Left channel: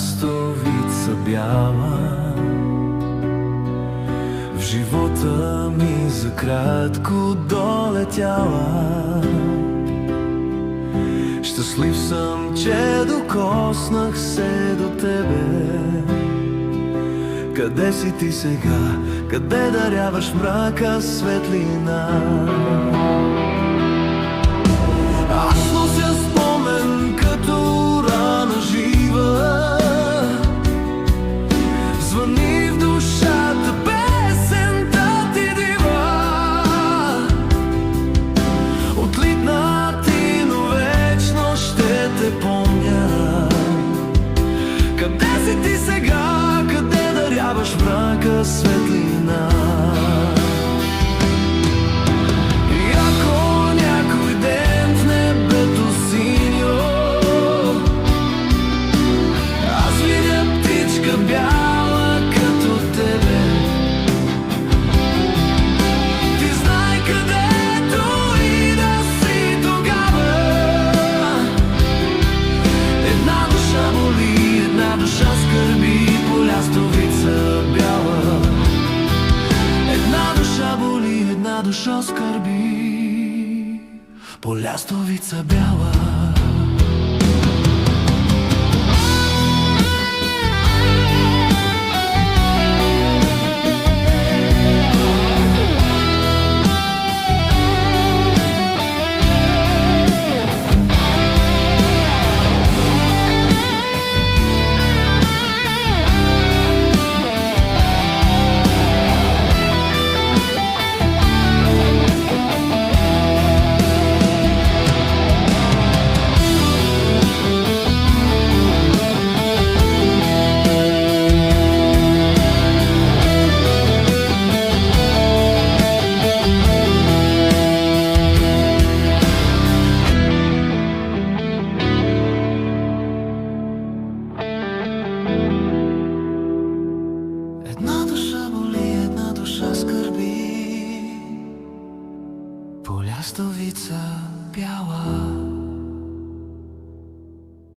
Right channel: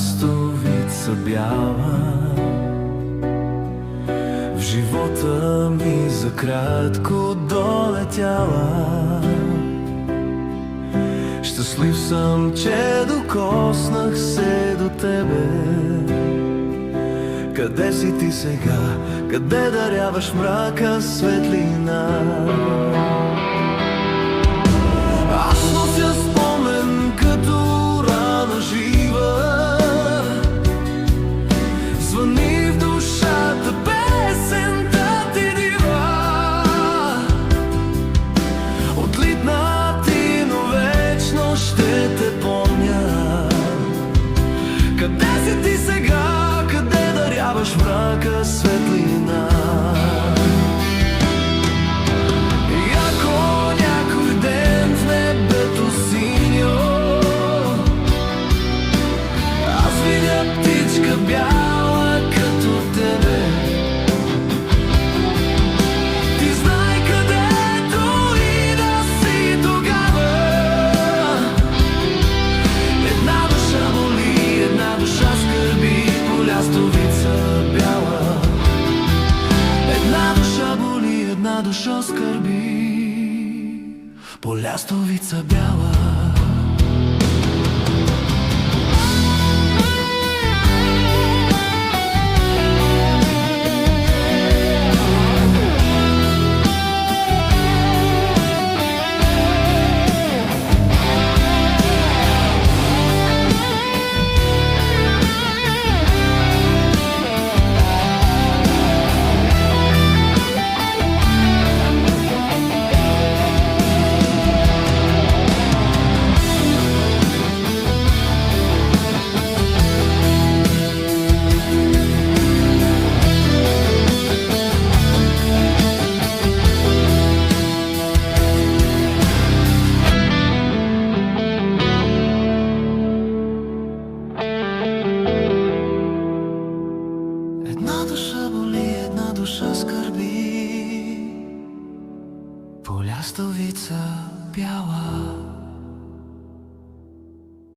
лястовица бяла. В живота ми за кратко долетяла. Щастлив съм, че докоснах се до тебе. Къде си ти сега? Къде даряваш мрака светлина? Аз нося спомен като рана жива. Звъни в душата песента ти дива. Отлитнати, но вечно ще те помня. Къде си ти сега? Къде даряваш мрака светлина? И ако някой ден в небето синьо аз видя птичка бяла като тебе, ти знай където и да си тогава. Една душа боли, една душа скърби по лястовица бяла. Една душа боли, една душа скърби по лястовица бяла. Една душа боли, една душа скърби по лястовица бяла.